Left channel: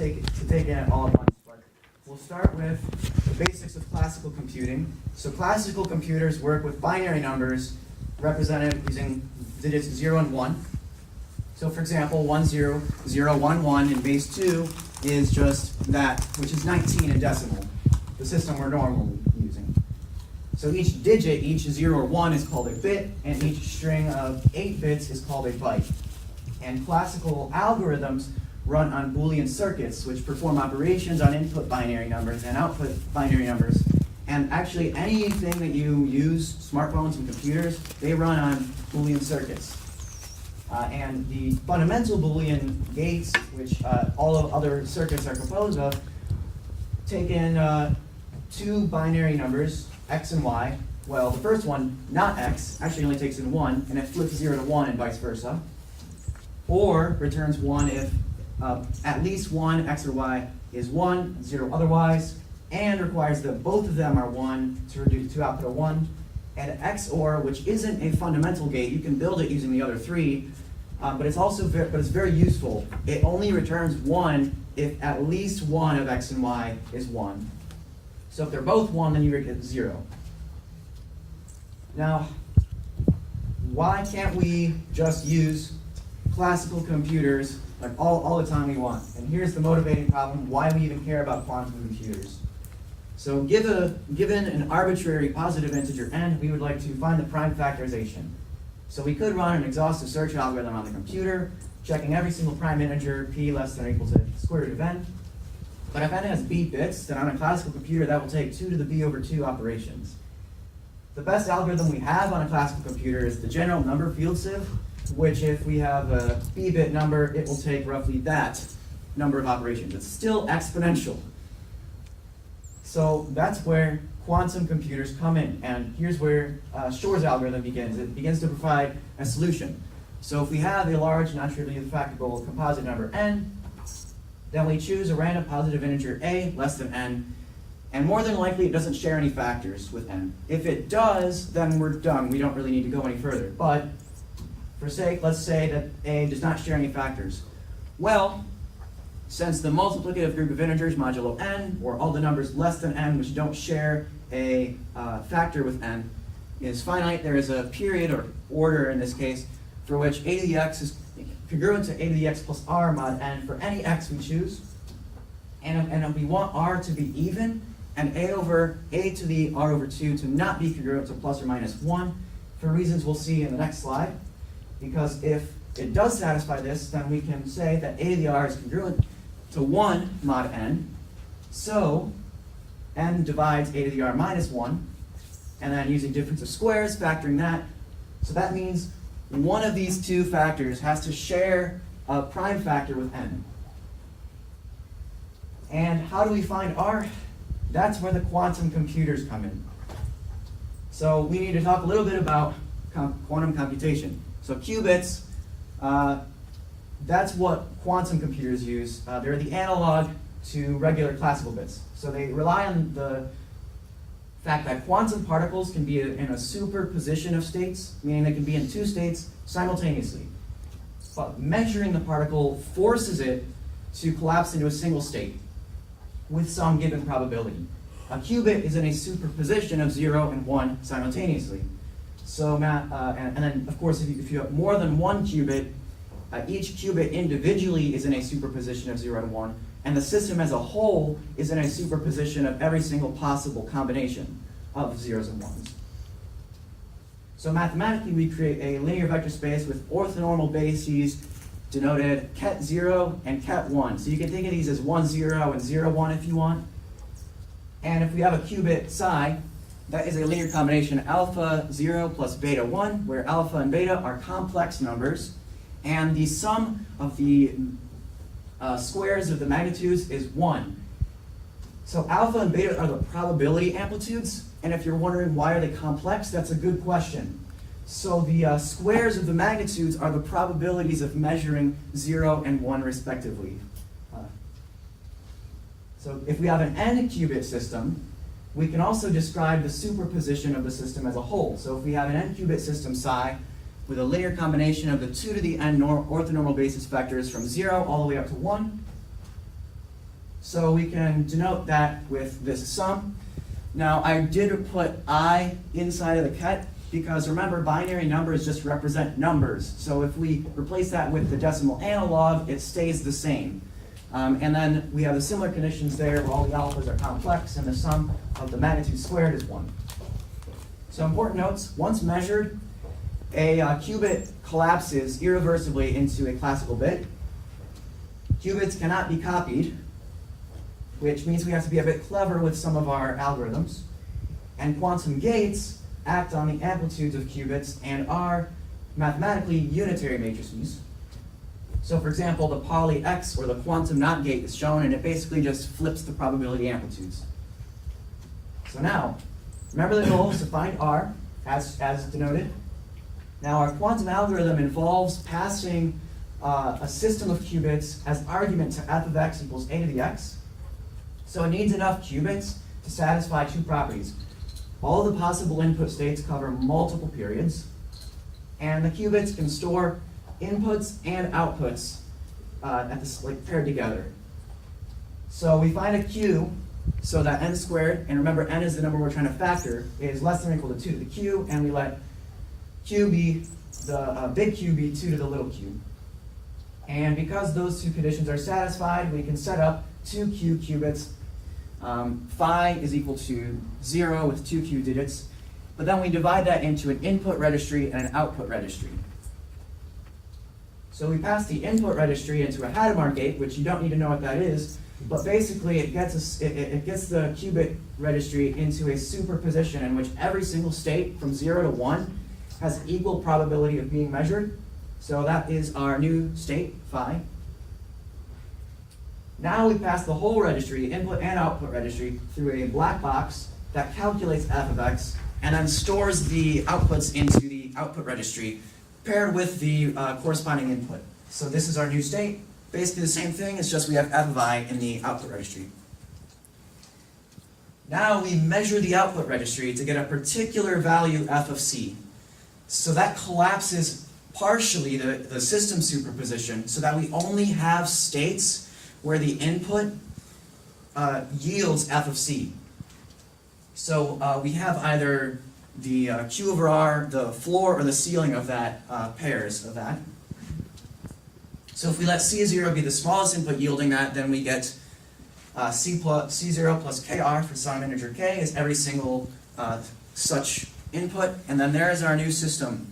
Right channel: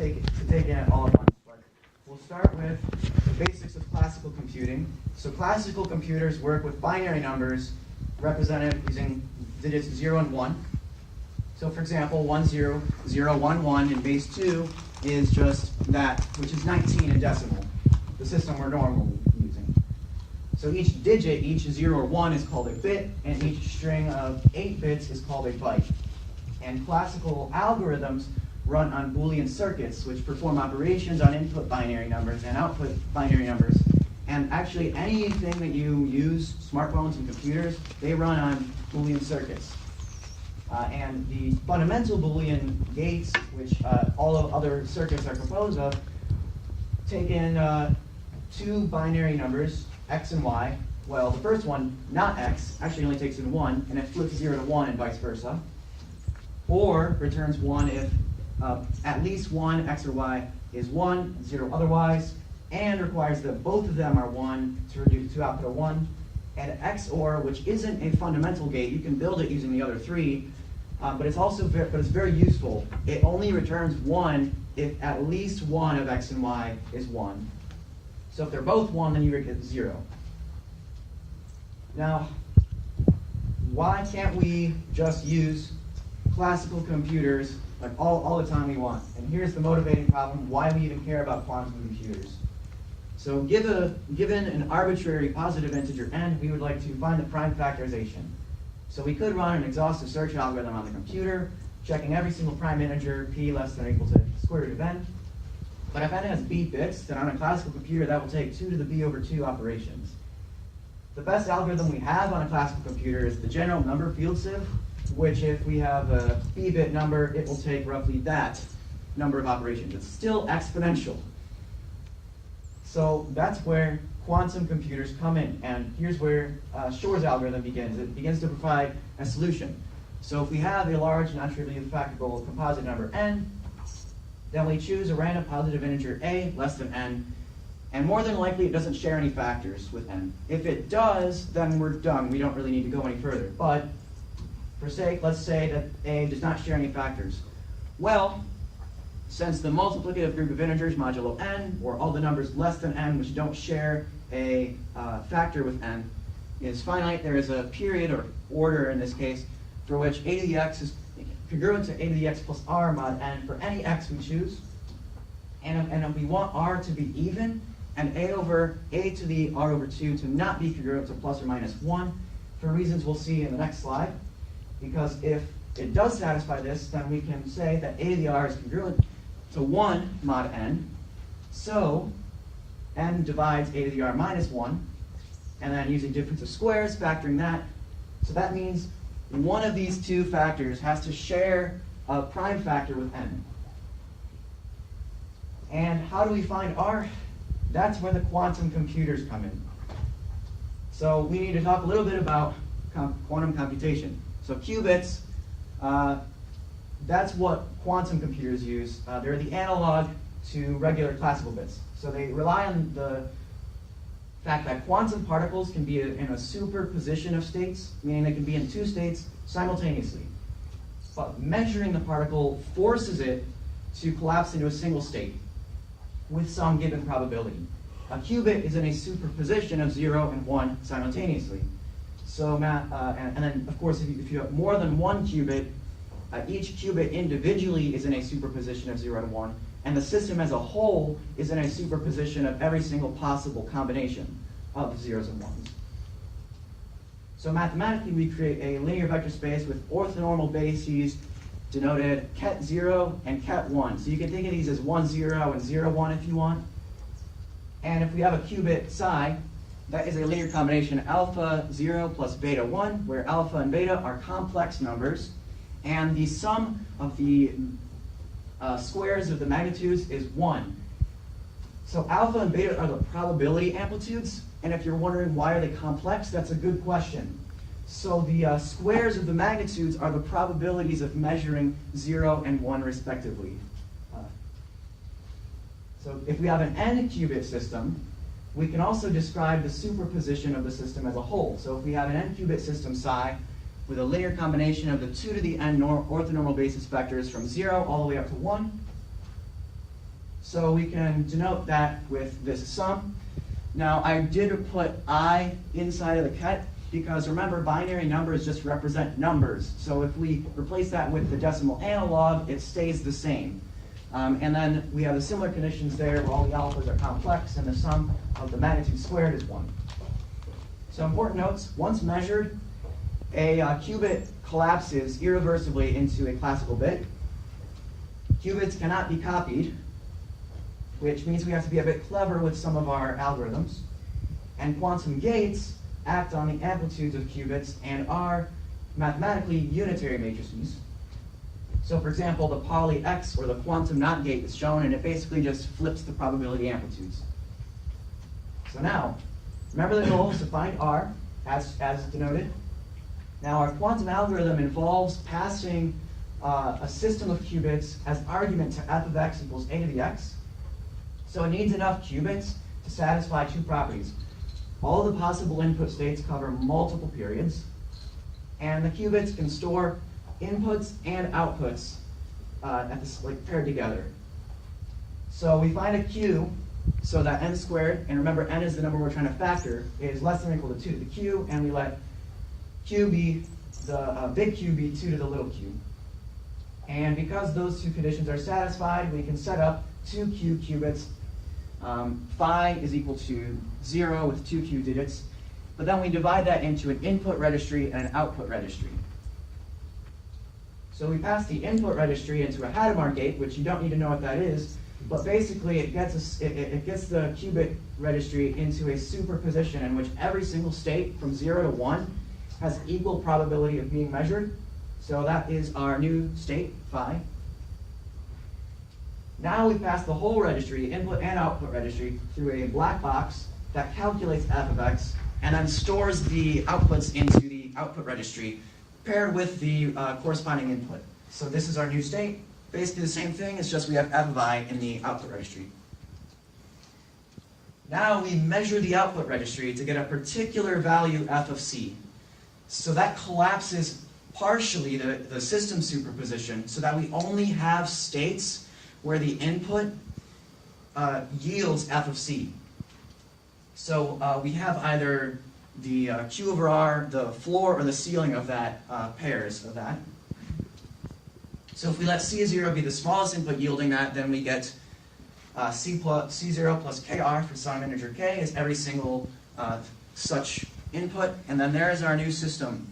take it all at once, but we'll start with the basics of classical computing. So classical computers work with binary numbers represented using digits 0 and 1. So for example, 1, 0, 0, 1, 1, and base 2 is just that, which is 19 in decimal, the system we're normally using. So each digit, each 0 or 1 is called a bit, and each string of 8 bits is called a byte. And classical algorithms run on Boolean circuits, which perform operations on input binary numbers and output binary numbers. And actually, anything that you use, smartphones and computers, they run on Boolean circuits. And the fundamental Boolean gates, which all of other circuits are composed of, take in two binary numbers, x and y. Well, the first one, not x, actually only takes in 1, and it flips 0 to 1 and vice versa. Or returns 1 if at least one x or y is 1, 0 otherwise, and requires that both of them are 1 to output a 1. And XOR, which isn't a fundamental gate, you can build it using the other three, but it's very useful. It only returns 1 if at least one of x and y is 1. So if they're both 1, then you get 0. Now, why can't we just use classical computers like all the time we want? And here's the motivating problem, why we even care about quantum computers. So given an arbitrary positive integer n, we would like to find the prime factorization. So we could run an exhaustive search algorithm on the computer, checking every single prime integer, p less than or equal to the square root of n. But if n has b bits, then on a classical computer that will take 2 to the b over 2 operations. The best algorithm we have on a classical computer is the general number field sieve, which if we have a b-bit number, it will take roughly that number of operations. It's still exponential. So that's where quantum computers come in, and here's where Shor's algorithm begins. It begins to provide a solution. So if we have a large, non-trivially factorable composite number n, then we choose a random positive integer a less than n, and more than likely it doesn't share any factors with n. If it does, then we're done. We don't really need to go any further. But for sake, let's say that a does not share any factors. Well, since the multiplicative group of integers modulo n, or all the numbers less than n which don't share a factor with n, is finite, there is a period, or order in this case, for which a to the x is congruent to a to the x plus r mod n for any x we choose. And if we want r to be even, and a to the r over 2 to not be congruent to plus or minus 1, for reasons we'll see in the next slide. Because if it does satisfy this, then we can say that a to the r is congruent to 1 mod n. So n divides a to the r minus 1. And then using difference of squares, factoring that. So that means one of these two factors has to share a prime factor with n. And how do we find r? That's where the quantum computers come in. So we need to talk a little bit about quantum computation. So qubits, that's what quantum computers use. They're the analog to regular classical bits. So they rely on the fact that quantum particles can be in a superposition of states, meaning they can be in two states simultaneously. But measuring the particle forces it to collapse into a single state with some given probability. A qubit is in a superposition of 0 and 1 simultaneously. So, and then, of course, if you have more than one qubit, each qubit individually is in a superposition of 0 to 1, and the system as a whole is in a superposition of every single possible combination of zeros and ones. So mathematically, we create a linear vector space with orthonormal bases denoted ket 0 and ket 1. So you can think of these as 1, 0 and 0, 1 if you want. And if we have a qubit psi, that is a linear combination alpha 0 plus beta 1, where alpha and beta are complex numbers, and the sum of the squares of the magnitudes is 1. So alpha and beta are the probability amplitudes, and if you're wondering why are they complex, that's a good question. So the squares of the magnitudes are the probabilities of measuring 0 and 1 respectively. So if we have an n-qubit system, we can also describe the superposition of the system as a whole. So if we have an n-qubit system psi with a linear combination of the 2 to the n orthonormal basis vectors from 0 all the way up to 1, So we can denote that with this sum. Now I did put I inside of the ket because remember binary numbers just represent numbers. So if we replace that with the decimal analog, it stays the same. And then we have the similar conditions there where all the alphas are complex and the sum of the magnitude squared is 1. So important notes, once measured, a qubit collapses irreversibly into a classical bit. Qubits cannot be copied, which means we have to be a bit clever with some of our algorithms. And quantum gates act on the amplitudes of qubits and are mathematically unitary matrices. So for example, the poly X or the quantum NOT gate is shown, and it basically just flips the probability amplitudes. So now, remember the goal is to find R, as denoted. Now our quantum algorithm involves passing a system of qubits as argument to f of x equals a to the x. So it needs enough qubits to satisfy two properties. All the possible input states cover multiple periods, and the qubits can store inputs and outputs paired together. So we find a q so that n squared, and remember n is the number we're trying to factor, is less than or equal to 2 to the q, and we let q be the big Q be 2 to the little q. And because those two conditions are satisfied, we can set up 2q qubits. Phi is equal to 0 with 2q digits, but then we divide that into an input registry and an output registry. So we pass the input registry into a Hadamard gate, which you don't need to know what that is, but basically it gets the qubit registry into a superposition in which every single state from 0 to 1 has equal probability of being measured. So that is our new state, phi. Now we pass the whole registry, input and output registry, through a black box that calculates f of x and then stores the outputs into the output registry paired with the corresponding input. So this is our new state. Basically the same thing, it's just we have f of I in the output registry. Now we measure the output registry to get a particular value f of c. So that collapses partially the system superposition so that we only have states where the input yields f of c. So we have either the q over r, the floor or the ceiling of that pairs of that. So if we let C0 be the smallest input yielding that, then we get C0 plus KR for some integer k is every single such input, and then there's our new system.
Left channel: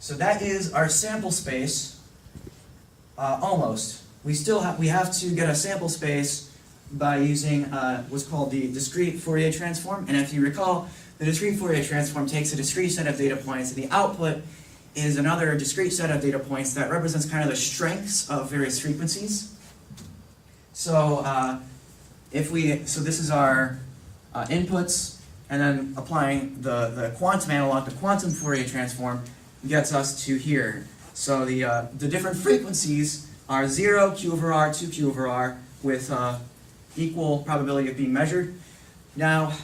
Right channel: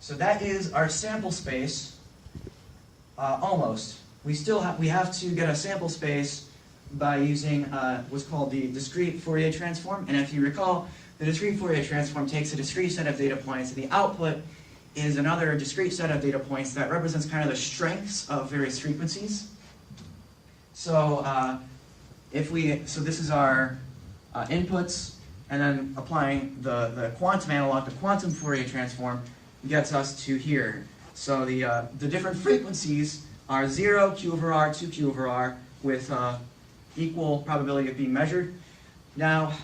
So that is our sample space, almost. We have to get a sample space by using what's called the discrete Fourier transform, and if you recall, the discrete Fourier transform takes a discrete set of data points, and the output is another discrete set of data points that represents kind of the strengths of various frequencies. So this is our inputs, and then applying the quantum analog, the quantum Fourier transform, gets us to here. So the different frequencies are 0, q over r, 2q over r, with equal probability of being measured. Now,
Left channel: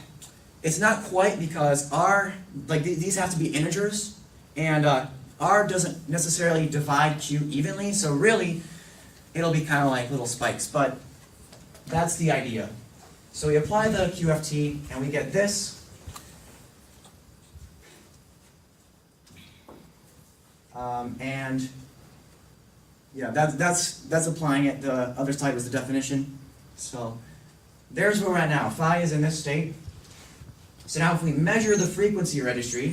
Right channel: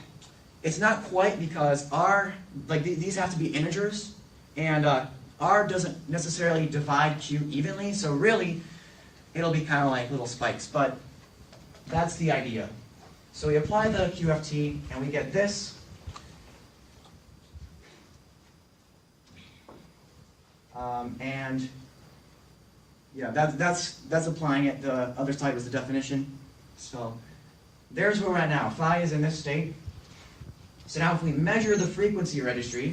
it's not quite because r, these have to be integers, and r doesn't necessarily divide q evenly, so really, it'll be kind of like little spikes, but that's the idea. So we apply the QFT, and we get this. And yeah, that's applying it. The other side was the definition. So there's where we're at now. Phi is in this state. So now if we measure the frequency registry,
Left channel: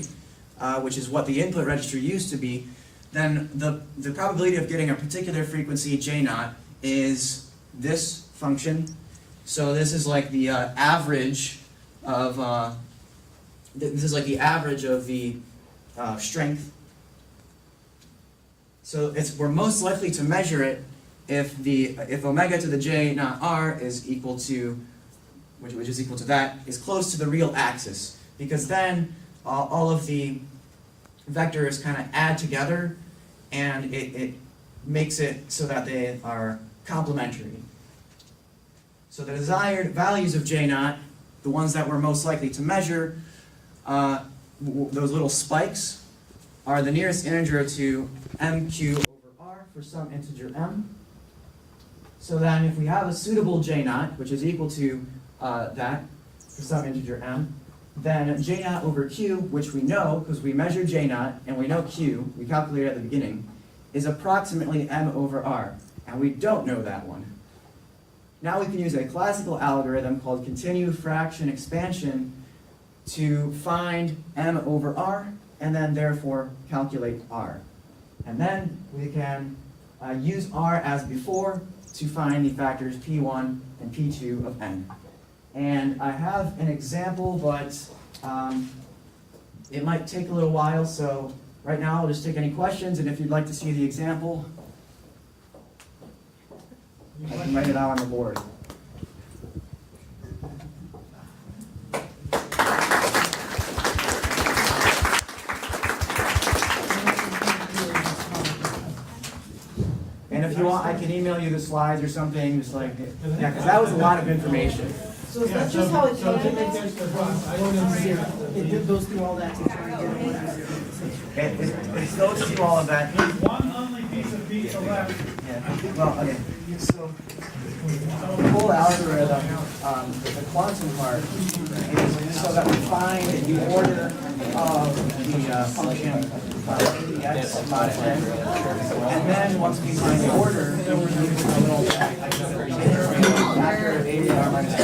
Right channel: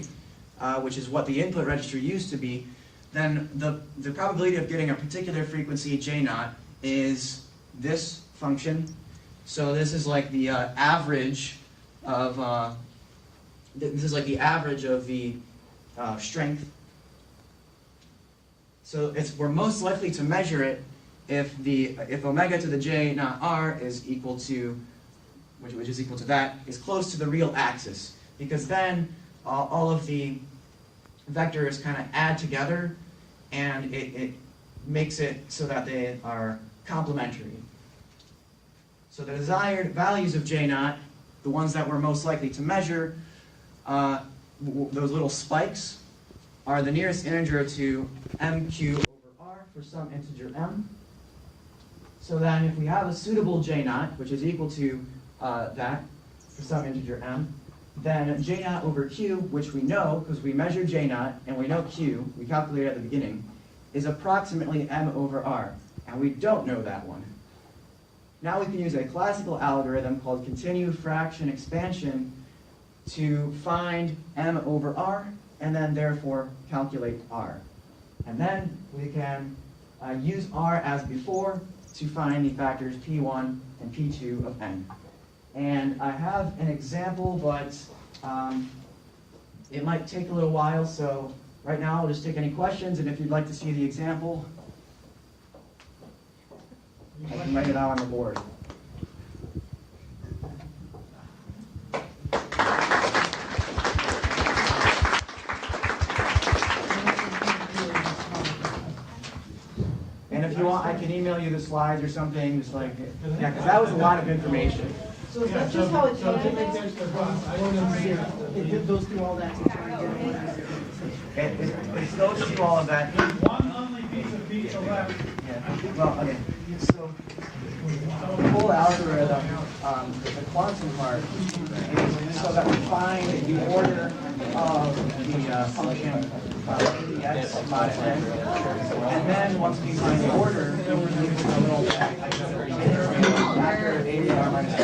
which is what the input registry used to be, then the probability of getting a particular frequency, J naught, is this function. So this is like the average of the strength. So we're most likely to measure it if omega to the J naught r is equal to, which is equal to that, is close to the real axis, because then all of the vectors kind of add together, and it makes it so that they are complementary. So the desired values of J naught, the ones that we're most likely to measure, those little spikes, are the nearest integer to mq over r for some integer m. So then if we have a suitable j naught, which is equal to that, for some integer m, then j naught over q, which we know, because we measured j naught, and we know q, we calculated at the beginning, is approximately m over r. And we don't know that one. Now we can use a classical algorithm called continued fraction expansion to find m over r, and then therefore calculate r. And then we can use r as before to find the factors p1 and p2 of n. And I have an example, but it might take a little while, so right now I'll just take any questions, and if you'd like to see the example, I can write it out on the board. And if you want, I can email you the slides or something, just like, yeah, because that was a lot of information. So is that just how it it goes through all that to try to get It goes through all of that. One only piece of pizza left. Yeah. Well, okay. So the whole algorithm, the quantum part, is so that we find the order of the function x mod n. And then once we find the order, we use a little factor of ABR minus 1.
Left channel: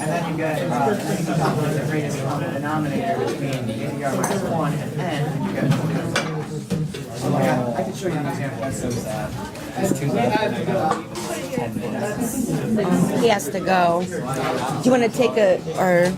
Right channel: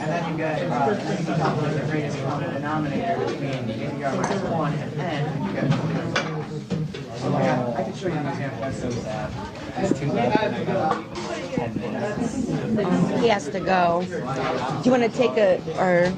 And then you get, you calculate the greatest common denominator between ABR minus 1 and n, and you get so yeah, I can show you an example. That's so sad. He has to go. Do you want to take a, or